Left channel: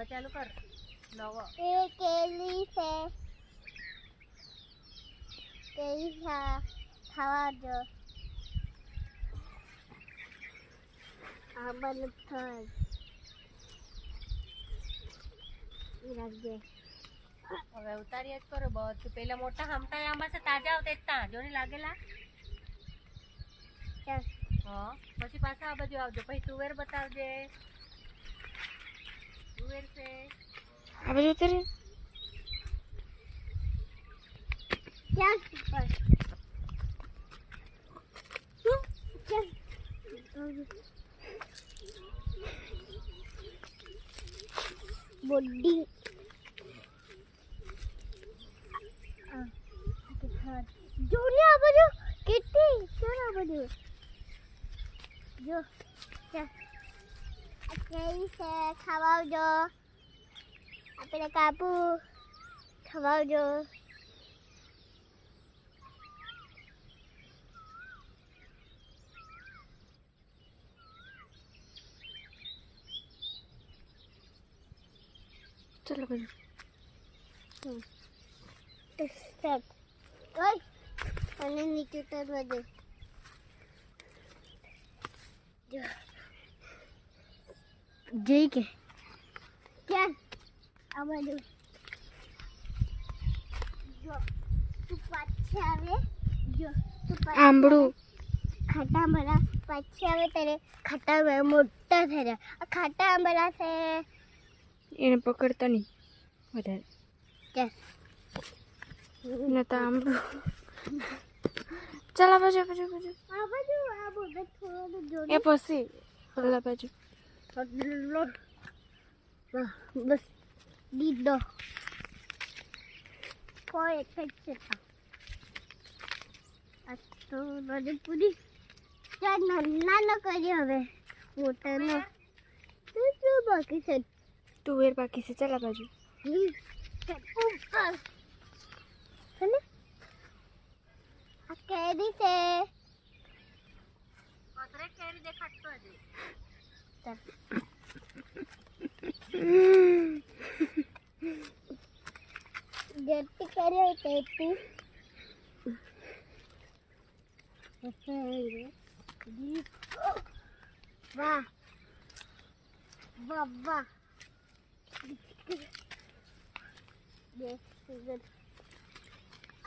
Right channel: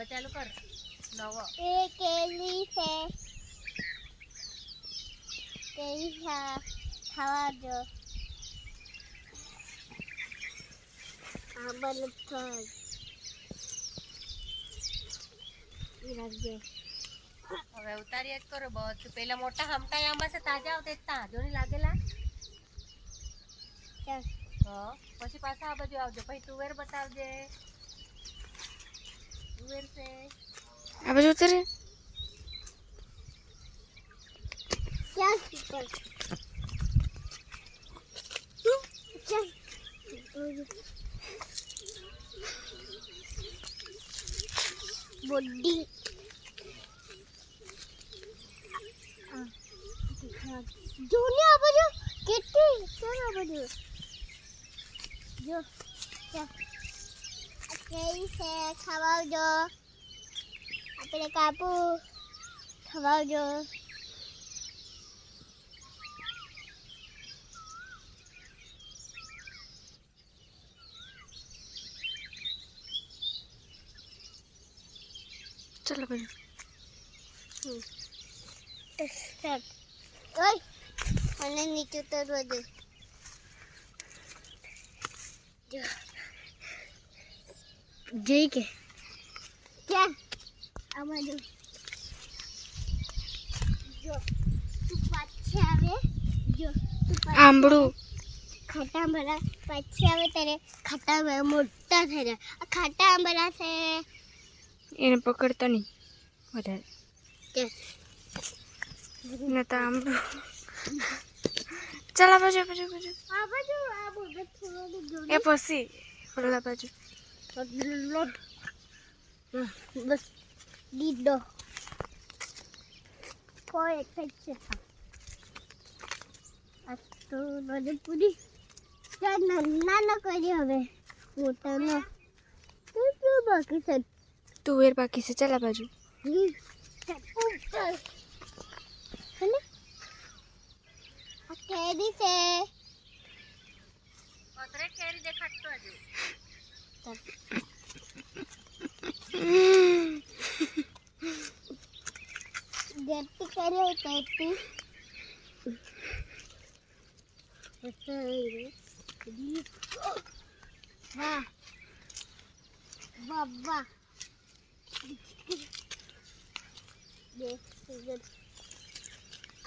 હવે ચાલુ કર નવો એ કેલી છે કેલી ખાવા જો આ બલ ફ્રાય ઈ રાખજે હવે ઉતાર્યા જ કરો બધું પેલા મોટા હમટા આમાં છે તાજા આવતા તાજો નહીં લાગેલા ચાલ હા પછી પાછા આ બાજુ આવજો પછી તુવેર બતાવજે તુવેર છે આ બાજુ ઉતરે ચાલ ઉપર ચાલ બોડી જોને આ બધું કેટલી જોને આ બધું જો ચાલ આ કેરી છે ખવાવજો આપણે કાપુ ખવાવજો ચાલો બાજુ સ્ટાર્ટ ઓય અને નીચે ઉતરવા દે જો જઈ કે ક્યાં આ બધું જો તું પાછી આવે જો તું પાછી આંબળું ખાટા આંબળા પાછી આવે ત્યારે ખાટા આંબળા મોટા થઈ જાય આ ખાટા આંબળા છે એને પકડતા નહીં વધારે ચાલ ને તો આંબળું ચાલ આ બાજુ આ બધું થોડું જો એ પછી ઓલા બાજુ લોટ બસ દીદો કોઈ એક છે આ તો બધું પૂરી ચાલ નાનો કરી હવે મોટા ને શું બાકી છે તુવેર બાકી છે ચાલ આ બાજુ ઉપર હેને આ કેરી છે પતરે કેરી દેખાડતો હજુ ગટ્ટી કરી ગટ્ટી વાહ વાહ વાહ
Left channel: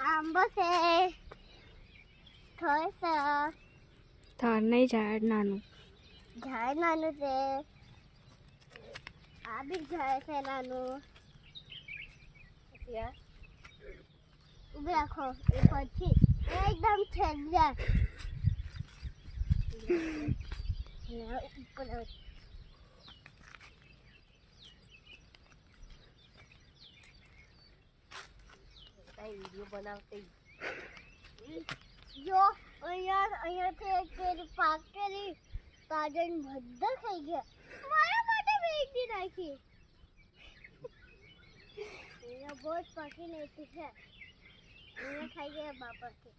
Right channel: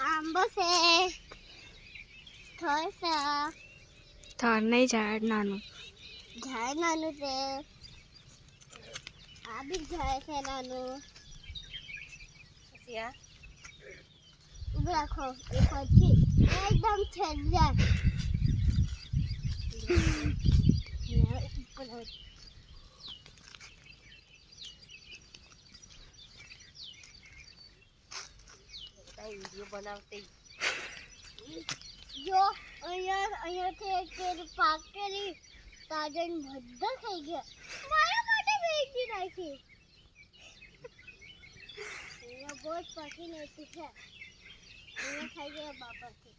આંબો છે થળ છે થર નહીં ઝાડ નાનું ઝાડ નાનું છે આ બી ઝાડ છે નાનું પછી આ ઉભી રાખો એ પછી એકદમ છેલ્લે ઉપર વિડીયો બનાવતી જો અહીંયાથી એક કેરી પાકેલી તાજન બધા ખાઈ ગયા મારા માટે વેચી નાખી અહીંયા બહુ જ પાકી નથી છે અહીંયા ખાઈ ગયા બાપાથી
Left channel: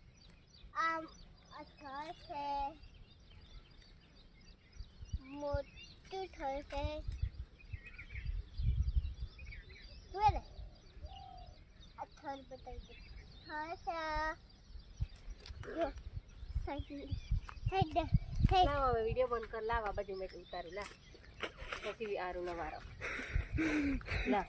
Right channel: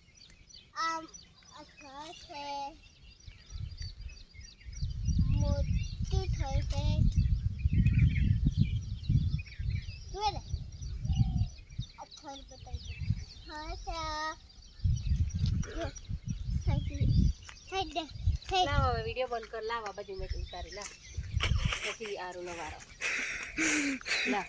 આમ આ થળ છે મોટી થળ છે જુએ ને આ થળ બતાવી થળ છે જો સાઈડ દે લાવ હવે વિડીયો બંધ કર લાવ આ બાજુ મેં ઉતારી લા પછી આરું નવારો લા